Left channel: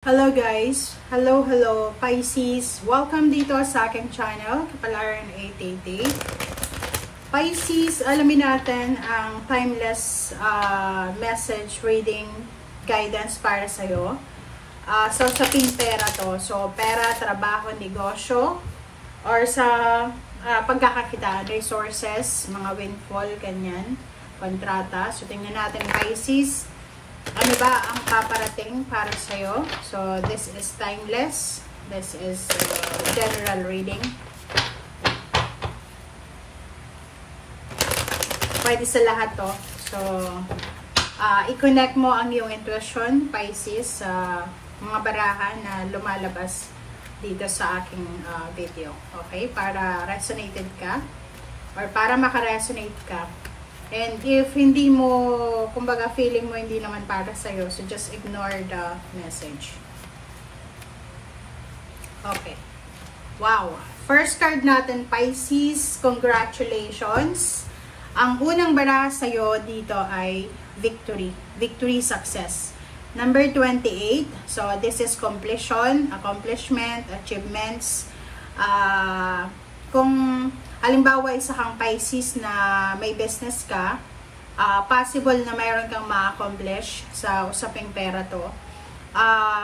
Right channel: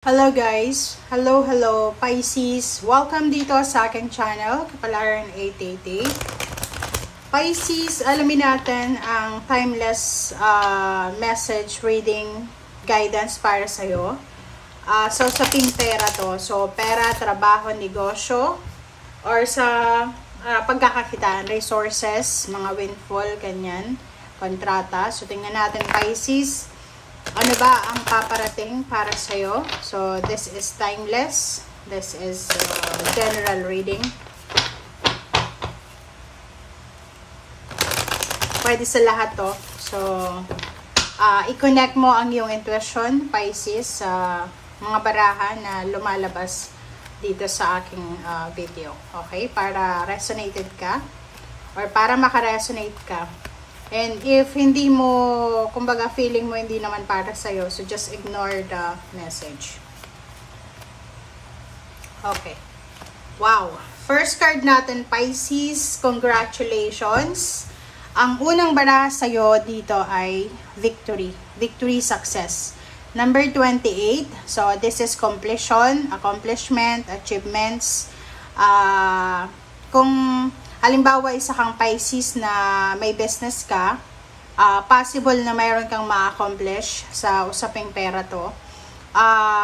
Hello guys! Hello Pisces! Welcome dito sa aking channel, Kapalaran 888. Pisces, alamin natin ang timeless message reading guidance para sa'yo. So sa pera to. So pera, trabaho, negosyo, or sa pagkakakitaan, resources, mga windfall, ganyan, kontrata. So tingnan natin Pisces. Ano ba ang paparating para sa'yo? So, this is timeless. This is general reading. Pwede sa lahat to. So, i-connect mo ang iyong intuition, Pisces, sa mga baraha na lumalabas dito sa aking video. Okay? Para resonated ka or para makaresonate ka. And if hindi mo, kumbaga feeling mo hindi naman para sa'yo, so just ignore the message. Okay. Wow. First card natin, Pisces. Congratulations. Ang unang baraha sa'yo dito ay victory. Victory, success. Number 28. So, this is completion, accomplishment, achievements. Kung halimbawa, isa kang Pisces na may business ka, possible na mayroon kang ma-accomplish sa usaping pera to.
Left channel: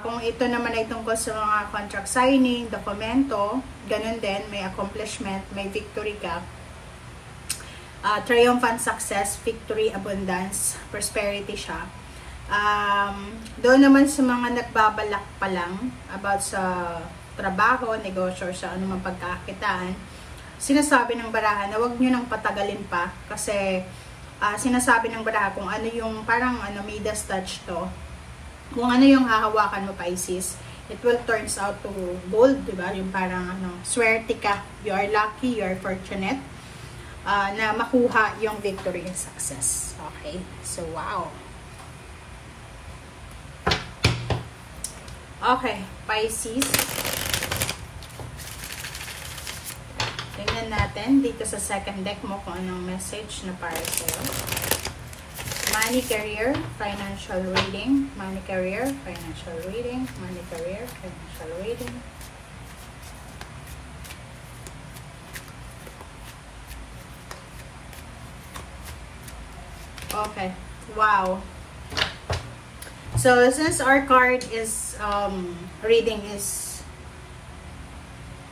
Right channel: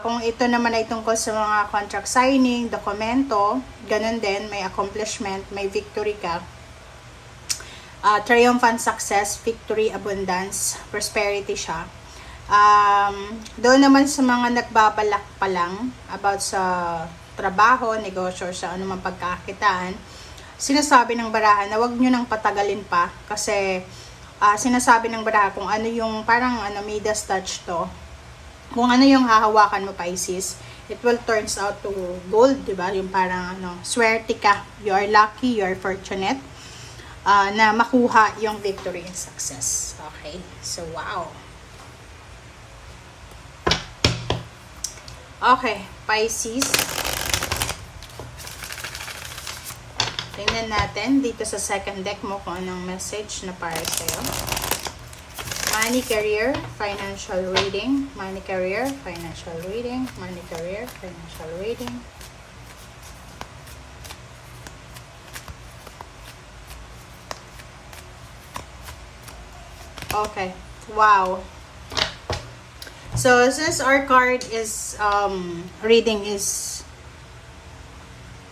Kung ito naman ay tungkol sa mga contract signing, dokumento, ganun din, may accomplishment, may victory ka. Triumphant success, victory, abundance, prosperity siya. Doon naman sa mga nagbabalak pa lang about sa trabaho, negosyo, sa anumang pagkakitaan, sinasabi ng baraha na wag nyo nang patagalin pa kasi sinasabi ng baraha kung ano yung parang Midas touch to. Kung ano yung hahawakan mo, Pisces, it will turns out to gold, di ba? Yung parang swerte ka, you are lucky, you are fortunate na makuha yung victory and success. Okay? So, wow. Okay, Pisces. Tingnan natin dito sa second deck mo kung anong message na para sa'yo. Money, career, financial reading. Money, career, financial reading. Money, career, financial reading. Okay. Wow. So, since our card is, reading is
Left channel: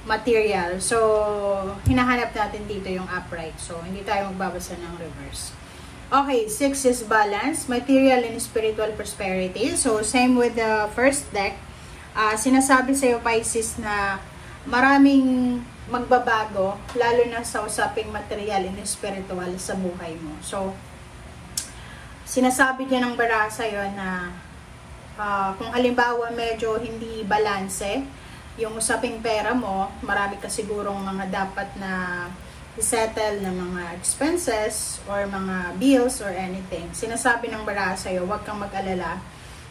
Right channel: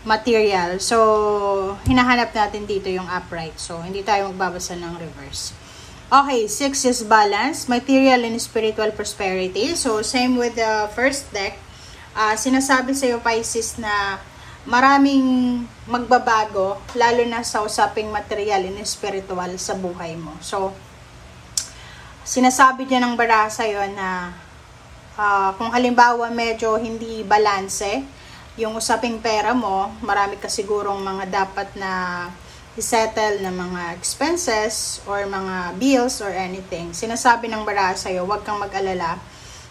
material. So, hinahanap natin dito yung upright. So, hindi tayo magbabasa ng reverse. Okay, 6 is balance, material and spiritual prosperity. So, same with the first deck. Sinasabi sa'yo, Pisces, na maraming magbabago, lalo na sa usaping material and spiritual sa buhay mo. So, sinasabi niya ng baraha sa'yo na kung halimbawa medyo hindi balanse, yung usaping pera mo, marami ka sigurong mga dapat na i-settle na mga expenses or mga bills or anything. Sinasabi ng baraha sa'yo, huwag kang mag-alala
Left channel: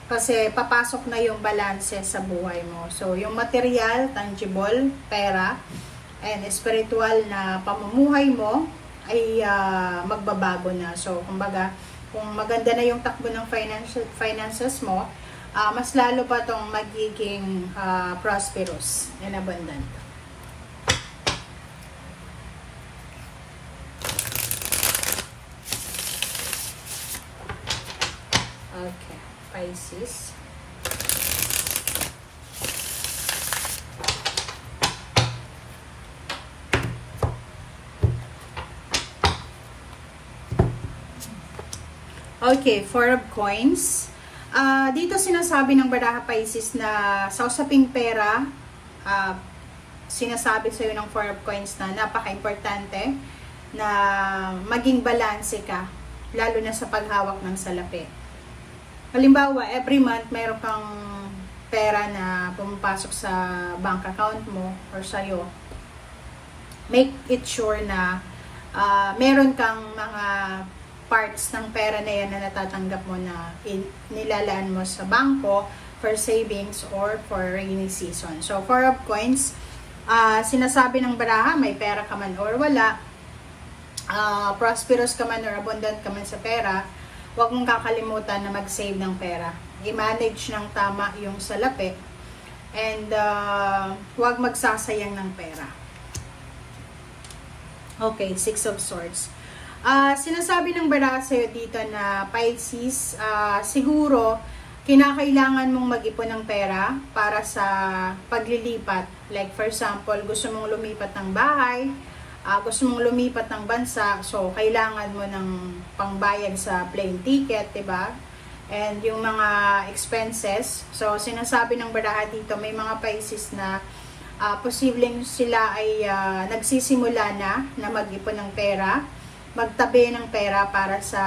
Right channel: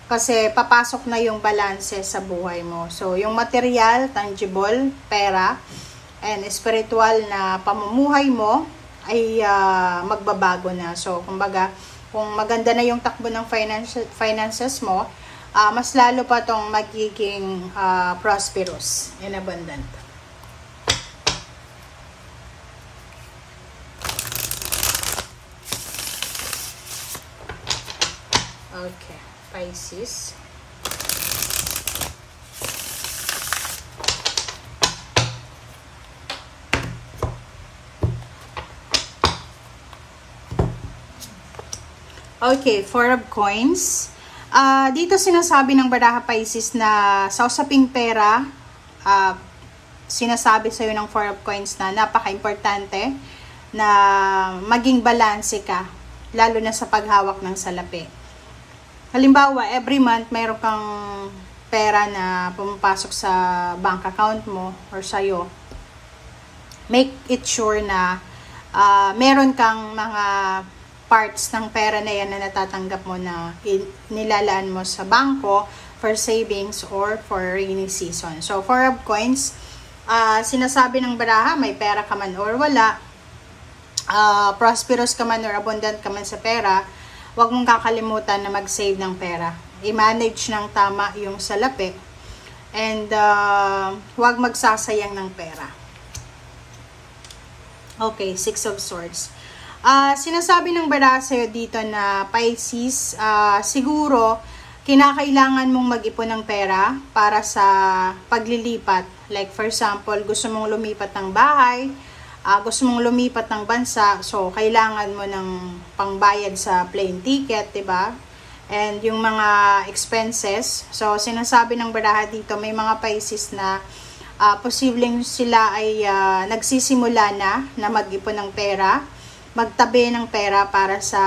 kasi papasok na yung balanse sa buhay mo. So, yung material, tangible, pera, and spiritual na pamumuhay mo ay magbabago na. So, kumbaga, kung maganda na yung takbo ng finances mo, mas lalo pa tong magiging prosperous and abundant. Okay, Pisces. Okay, 4 of coins. Dito sinasabi ng baraha, Pisces, na sa usaping pera, sinasabi sa'yo ng 4 of coins na napaka-importante na maging balanse ka, lalo na sa paghawak ng salapi. Halimbawa, every month, mayroon kang pera na pumapasok sa bank account mo or sa'yo. Make it sure na meron kang mga parts ng pera na yan na natatanggap mo na nilalaan mo sa bangko for savings or for rainy season. So, 4 of coins, sinasabi ng baraha, may pera ka man or wala, prosperous ka man or abundant ka man sa pera, huwag mong kakalimutan na mag-save ng pera. i-manage ng tama yung salapi, and huwag magsasayang ng pera. Okay, Six of Swords. Sinasabi ng baraha sa'yo dito na Pisces, siguro kinakailangan mong mag-ipon ng pera para sa paglilipat. Like for example, gusto mong lumipat ng bahay, gusto mong lumipat ng bansa, so kailangan mo ng pangbayad sa plane ticket, diba? And yung mga expenses, so sinasabi ng baraha dito, may mga Pisces na posibleng sila ay nagsisimula na mag-ipon ng pera, magtabi ng pera para sa,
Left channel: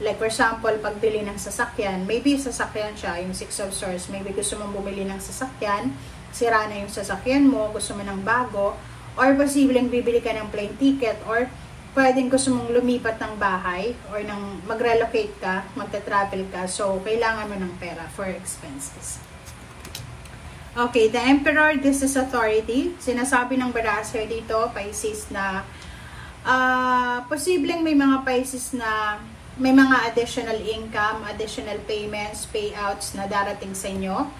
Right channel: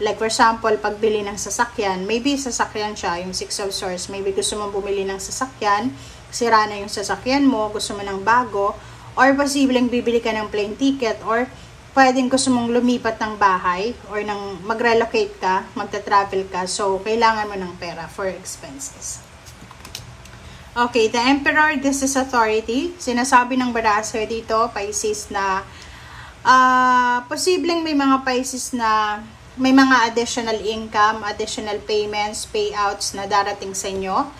like for example, pagbili ng sasakyan. Maybe sasakyan siya, yung Six of Swords, maybe gusto mong bumili ng sasakyan, sira na yung sasakyan mo, gusto mo ng bago, or posibleng bibili ka ng plane ticket, or pwedeng gusto mong lumipat ng bahay, or mag-relocate ka, magta-travel ka, so kailangan mo ng pera for expenses. Okay, the Emperor, this is authority. Sinasabi ng baraha sa'yo dito, Pisces, na posibleng may mga Pisces na may mga additional income, additional payments, payouts na darating sa inyo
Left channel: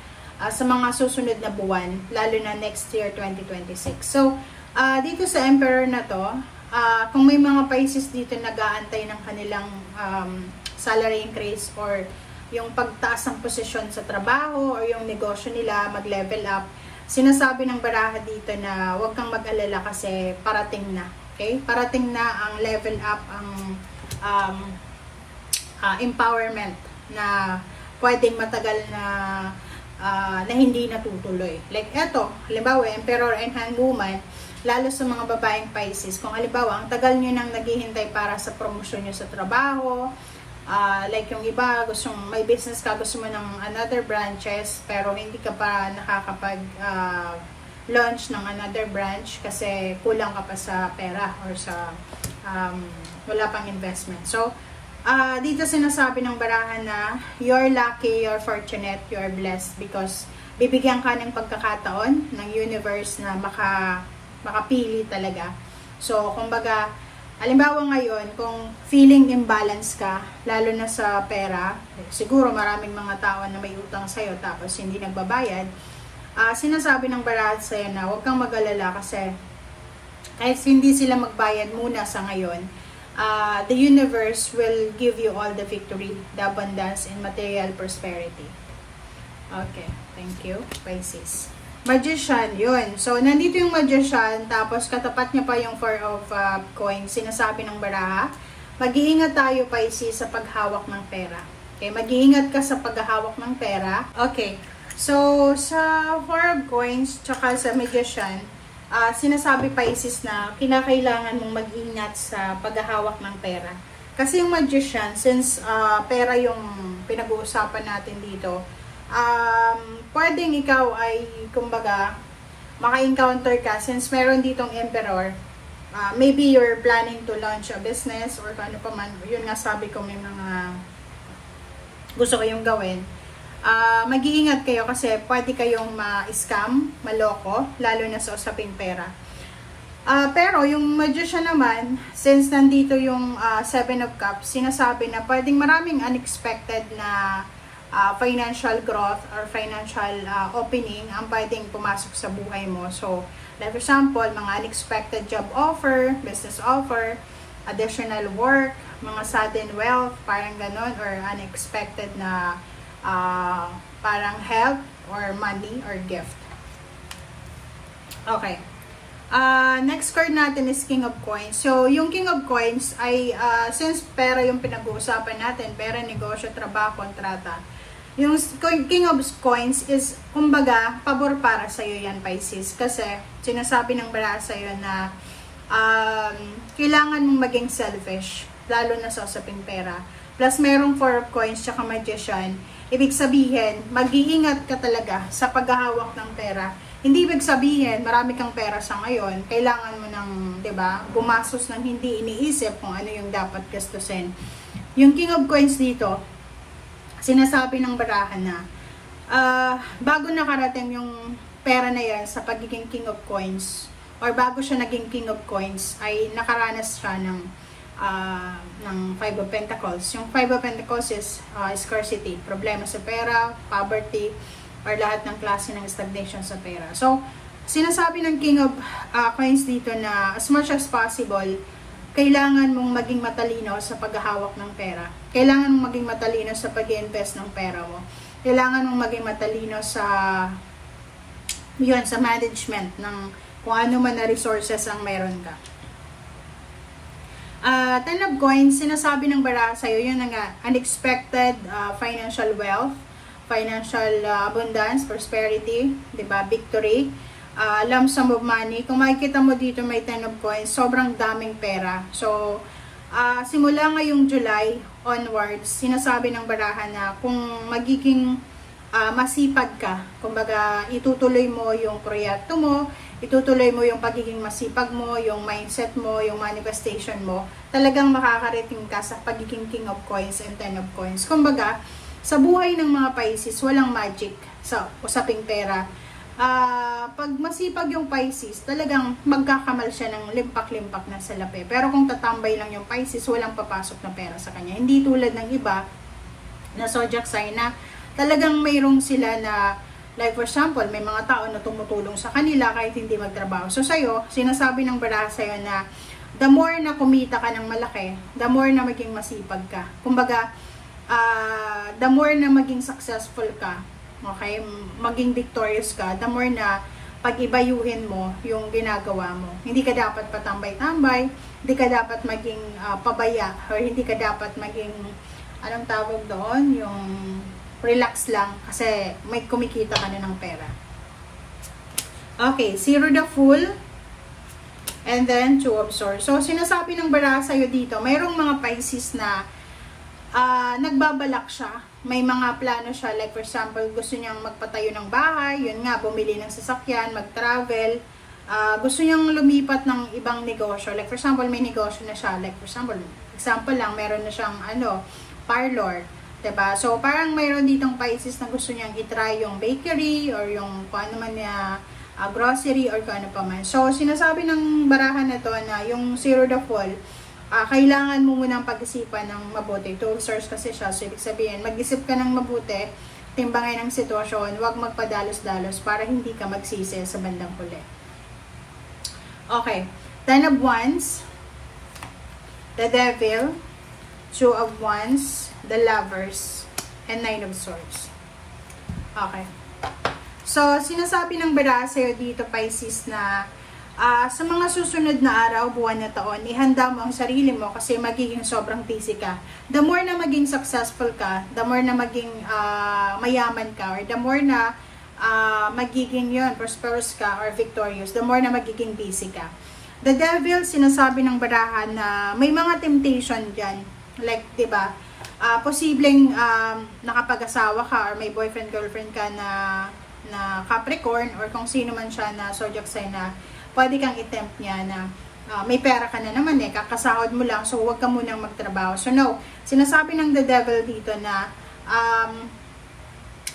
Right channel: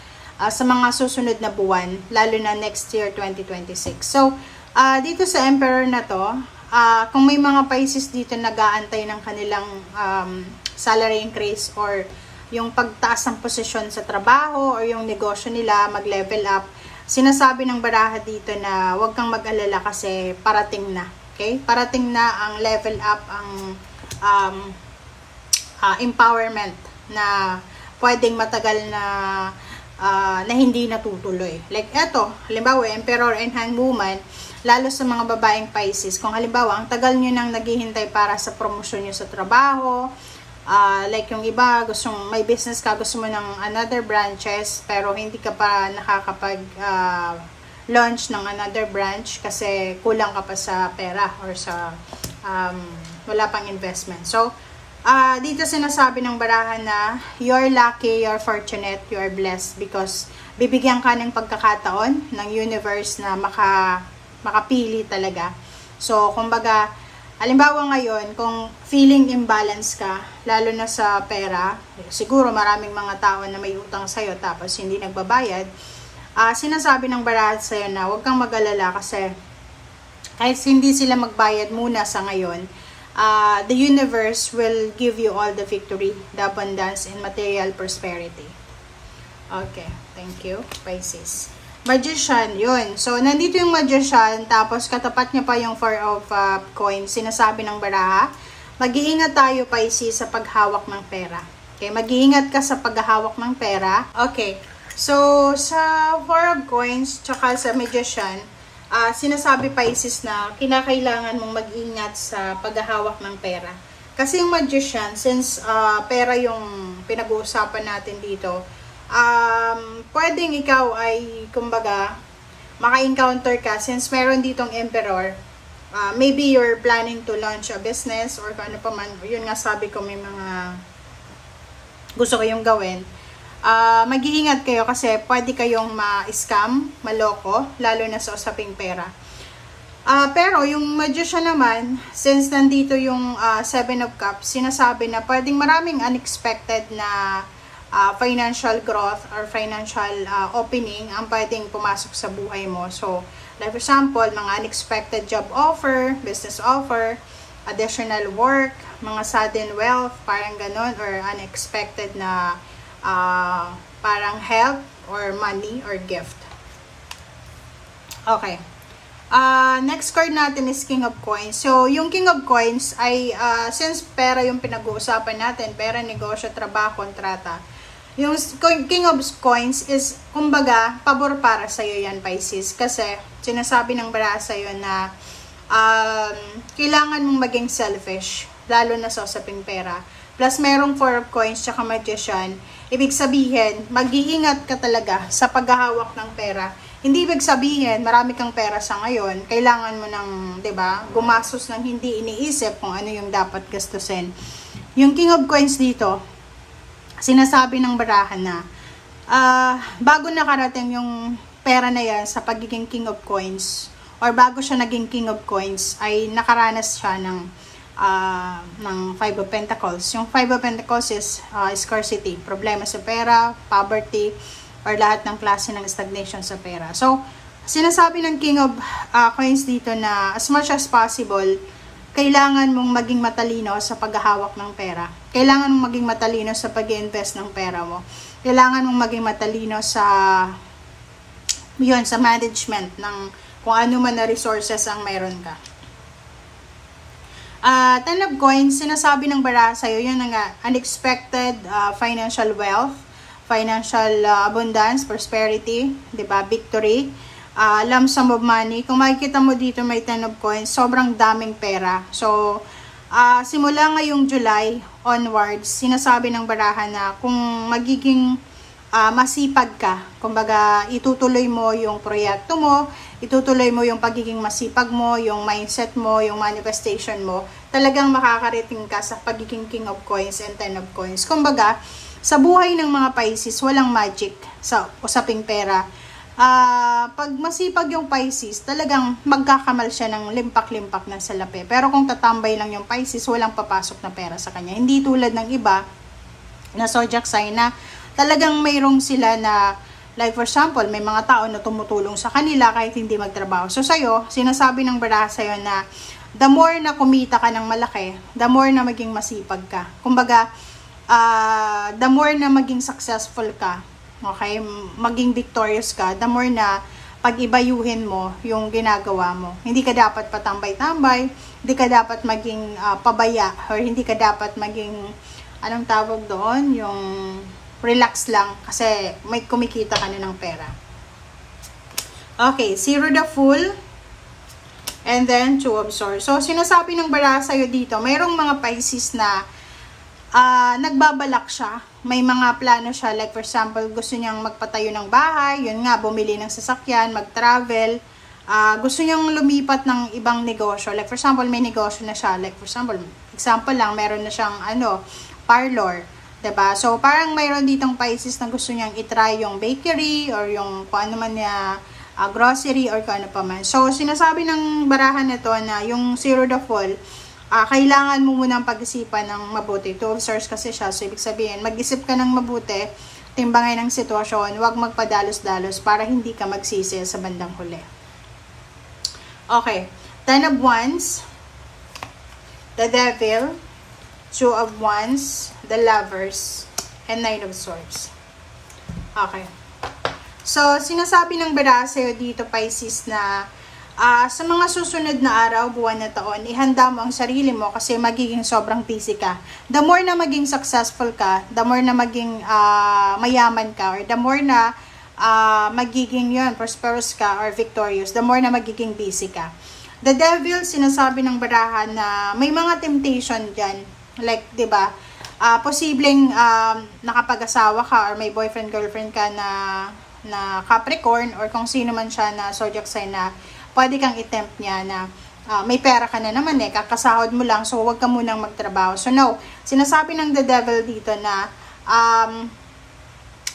sa mga susunod na buwan, lalo na next year, 2026. So, dito sa Emperor na to, kung may mga Pisces dito nag-aantay ng kanilang salary increase or yung pagtaas ng posisyon sa trabaho or yung negosyo nila mag-level up, sinasabi ng baraha dito na huwag kang mag-alala kasi parating na. Okay? Parating na ang level up, ang empowerment na pwedeng matagal na hindi natutuloy. Like eto, halimbawa, Emperor and Hangwoman, lalo sa mga babaeng Pisces, kung halimbawa, ang tagal nyo nang naghihintay para sa promosyon nyo sa trabaho, like yung iba, may business ka, gusto mo ng another branches, pero hindi ka pa nakakapag launch ng another branch kasi kulang ka pa sa pera or sa wala pang investment. So, dito sinasabi ng baraha na you're lucky, you're fortunate, you're blessed because bibigyan ka ng pagkakataon ng universe na makapili talaga. So, kumbaga, halimbawa ngayon, kung feeling imbalance ka, lalo na sa pera, siguro maraming mga tao na may utang sa'yo tapos hindi nagbabayad, sinasabi ng baraha sa'yo na huwag kang mag-alala kasi kahit hindi sila magbayad muna sa ngayon, the universe will give you all the victory, the abundance, and material prosperity. Okay, thank you, Pisces. Magician, yun. So, nandito yung Magician, tapos katapat niya pa yung Four of Coins. Sinasabi ng baraha, mag-iingat tayo, Pisces, sa paghawak ng pera. Okay, mag-iingat ka sa paghahawak ng pera. Okay, so, sa Four of Coins, tsaka sa Magician, sinasabi, Pisces, na kinakailangan mong mag-ingat sa paghahawak ng pera. Kasi yung Magician, since pera yung pinag-uusapan natin dito, pwedeng ikaw ay, kumbaga, maka-encounter ka, since meron ditong Emperor, maybe you're planning to launch a business or ano pa man, yun nga sabi ko, may mga gusto kayong gawin. Mag-iingat kayo kasi pwede kayong ma-scam, maloko, lalo na sa usaping pera. Pero yung Magician naman, since nandito yung Seven of Cups, sinasabi na pwedeng maraming unexpected na financial growth or financial opening ang pwedeng pumasok sa buhay mo. So, like for example, mga unexpected job offer, business offer, additional work, mga sudden wealth, parang ganon, or unexpected na parang help or money or gift. Okay. Next card natin is King of Coins. So, yung King of Coins ay, since pera yung pinag-uusapan natin, pera, negosyo, trabaho, kontrata, yung King of Coins is, kumbaga, pabor para sa'yo yan, Pisces. Kasi, sinasabi ng baraha sa'yo na kailangan mong maging selfish, lalo na sa usaping pera. Plus, merong Four of Coins tsaka Magician. Ibig sabihin, mag-iingat ka talaga sa paghahawak ng pera. Hindi ibig sabihin, marami kang pera sa ngayon, kailangan mo ng, 'di ba, gumastos ng hindi iniisip kung ano yung dapat gastusin. Yung King of Coins dito, sinasabi ng baraha na bago nakarating yung pera na yan sa pagiging King of Coins, or bago siya naging King of Coins, ay nakaranas siya ng ng Five of Pentacles. Yung Five of Pentacles is scarcity, problema sa pera, poverty, or lahat ng klase ng stagnation sa pera. So, sinasabi ng King of Coins dito na as much as possible, kailangan mong maging matalino sa paghahawak ng pera. Kailangan mong maging matalino sa pag-invest ng pera mo. Kailangan mong maging matalino sa sa management ng kung ano man na resources ang meron ka. Ten of Coins, sinasabi ng baraha sa'yo, yun na nga, unexpected financial wealth, financial abundance, prosperity, diba, victory, lump sum of money. Kung makikita mo dito may Ten of Coins, sobrang daming pera. So, simula ngayong July onwards, sinasabi ng baraha na kung magiging masipag ka, kumbaga itutuloy mo yung proyekto mo, itutuloy mo yung pagiging masipag mo, yung mindset mo, yung manifestation mo, talagang makakarating ka sa pagiging King of Coins and Ten of Coins. Kumbaga, sa buhay ng mga Pisces, walang magic sa usaping pera. Pag masipag yung Pisces, talagang magkakamal siya ng limpak-limpak na salapi. Pero kung tatambay lang yung Pisces, walang papasok na pera sa kanya. Hindi tulad ng iba na zodiac sign na talagang mayroong sila na, like for example, may mga tao na tumutulong sa kanila kahit hindi magtrabaho. So sa'yo, sinasabi ng baraha sa'yo na the more na kumita ka ng malaki, the more na maging masipag ka. Kumbaga, the more na maging successful ka, okay, maging victorious ka, the more na pag-ibayuhin mo yung ginagawa mo. Hindi ka dapat patambay-tambay, hindi ka dapat maging pabaya, or hindi ka dapat maging, anong tawag doon, yung relax lang kasi may kumikita ka na ng pera. Okay, Zero the Fool, and then Two of Swords. So, sinasabi ng baraha sa'yo dito, mayroong mga Pisces na nagbabalak siya. May mga plano siya, like for example, gusto niyang magpatayo ng bahay, yun nga, bumili ng sasakyan, mag-travel, gusto niyang lumipat ng ibang negosyo. Like for example, may negosyo na siya. Like for example lang, meron na siyang parlor. Diba? So, parang mayroon ditong Pisces na gusto niyang itry yung bakery or yung kung ano man niya, grocery or kung ano pa man. So, sinasabi ng barahan na to na yung Zero the Fool, kailangan mo munang pag-isipan ng mabuti. Two of Swords kasi siya. So, ibig sabihin, mag-isip ka ng mabuti, timbangay ng sitwasyon, huwag magpadalos-dalos para hindi ka magsisi sa bandang huli. Okay. Ten of Wands, the Devil, Two of Wands, the Lovers, and Nine of Swords. Okay. So, sinasabi ng baraha sa'yo dito, Pisces, na sa mga susunod na araw, buwan na taon, ihanda mo ang sarili mo kasi magiging sobrang busy ka. The more na maging successful ka, the more na maging mayaman ka, or the more na magiging prosperous ka or victorious, the more na magiging busy ka. The Devil, sinasabi ng baraha na may mga temptation dyan. Like, diba, posibleng nakapag-asawa ka or may boyfriend-girlfriend ka na Capricorn or kung sino man siya na zodiac sign na pwede kang i-tempt niya na may pera ka na naman kakasahod mo lang, so huwag ka munang magtrabaho. So no, sinasabi ng the Devil dito na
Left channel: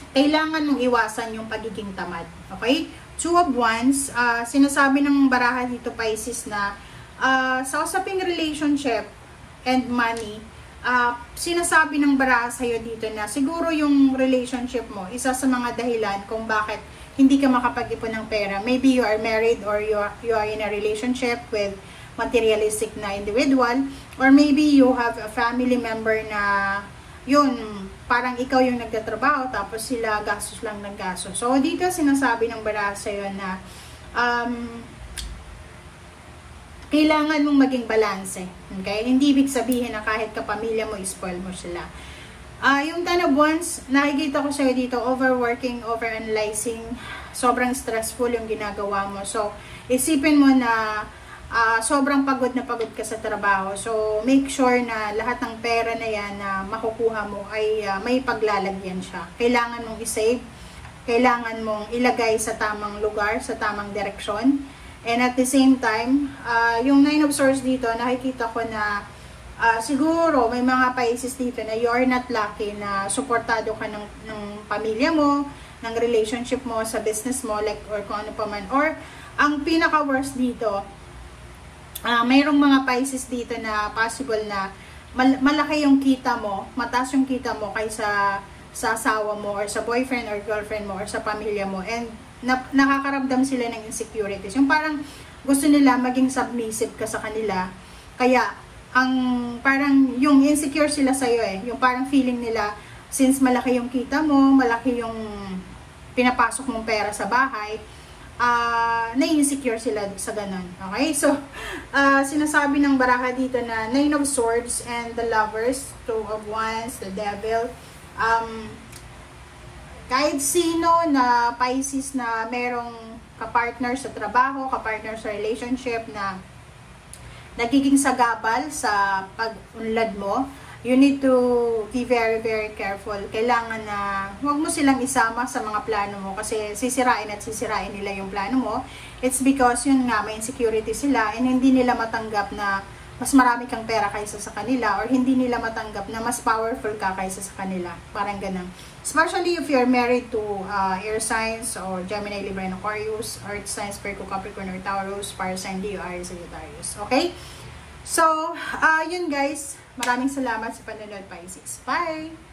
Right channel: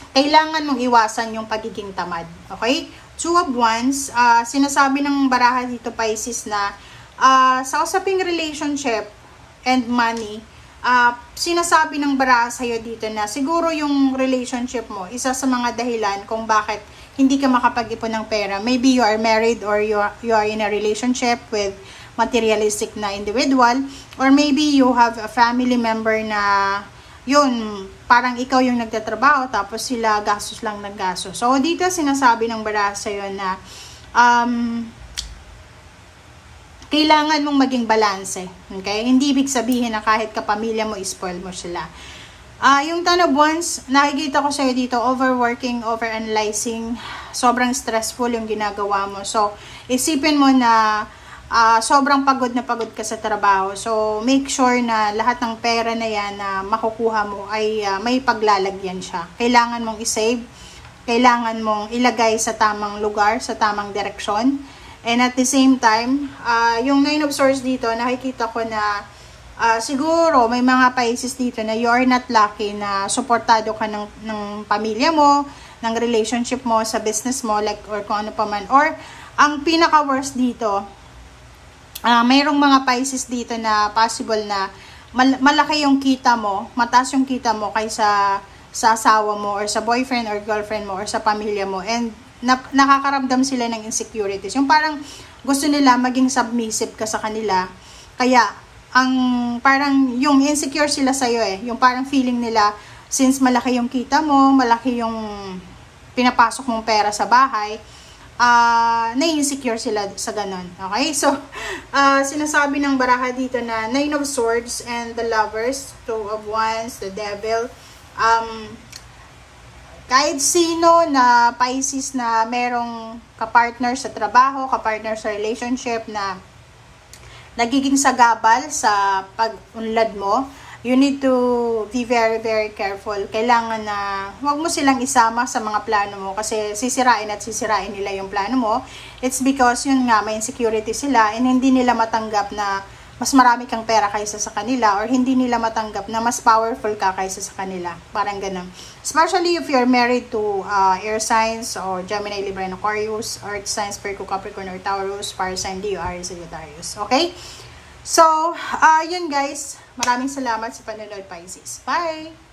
kailangan mong iwasan yung pagiging tamad. Okay? Two of Wands, sinasabi ng baraha dito, Pisces, na sa usaping relationship and money, sinasabi ng baraha sa'yo dito na siguro yung relationship mo, isa sa mga dahilan kung bakit hindi ka makapag-ipon ng pera. Maybe you are married or you are in a relationship with materialistic na individual, or maybe you have a family member na yun, parang ikaw yung nagtatrabaho tapos sila gastos lang naggastos. So dito sinasabi ng baraha sa'yo na kailangan mong maging balanse. Okay? Hindi ibig sabihin na kahit kapamilya mo, spoil mo sila. Yung Ten of Wands, nakikita ko sa'yo dito, overworking, overanalyzing, sobrang stressful yung ginagawa mo. So, isipin mo na sobrang pagod na pagod ka sa trabaho. So, make sure na lahat ng pera na yan na makukuha mo ay may paglalagyan siya. Kailangan mong isave, kailangan mong ilagay sa tamang lugar, sa tamang direksyon. And at the same time, yung Nine of Swords dito, nakikita ko na siguro may mga Pisces dito na you're not lucky na suportado ka ng pamilya mo, ng relationship mo, sa business mo, like, or kung ano pa man. Or, ang pinaka-worst dito, mayroong mga Pisces dito na possible na malaki yung kita mo, mataas yung kita mo kaysa sa asawa mo or sa boyfriend or girlfriend mo or sa pamilya mo, and nakakaramdam sila ng insecurities. Yung parang gusto nila maging submissive ka sa kanila, kaya ang parang yung insecure sila sa'yo yung parang feeling nila, since malaki yung kita mo, malaki yung pinapasok mong pera sa bahay, na-insecure sila sa ganon. Okay? So, sinasabi ng baraha dito na Nine of Swords and the Lovers, Two of Wands, the Devil. Kahit sino na Pisces na merong kapartner sa trabaho, kapartner sa relationship na nagiging sagabal sa pag-unlad mo, you need to be very, very careful. Kailangan na huwag mo silang isama sa mga plano mo kasi sisirain at sisirain nila yung plano mo. It's because yun nga, may insecurity sila and hindi nila matanggap na mas marami kang pera kaysa sa kanila, or hindi nila matanggap na mas powerful ka kaysa sa kanila. Parang ganun. Especially if you're married to air signs or Gemini, Libra, and Aquarius, Earth signs, Virgo, Capricorn, or Taurus, fire sign, Leo, Aries, Sagittarius. Okay? So, yun guys. Maraming salamat sa panonood, Pisces. Bye!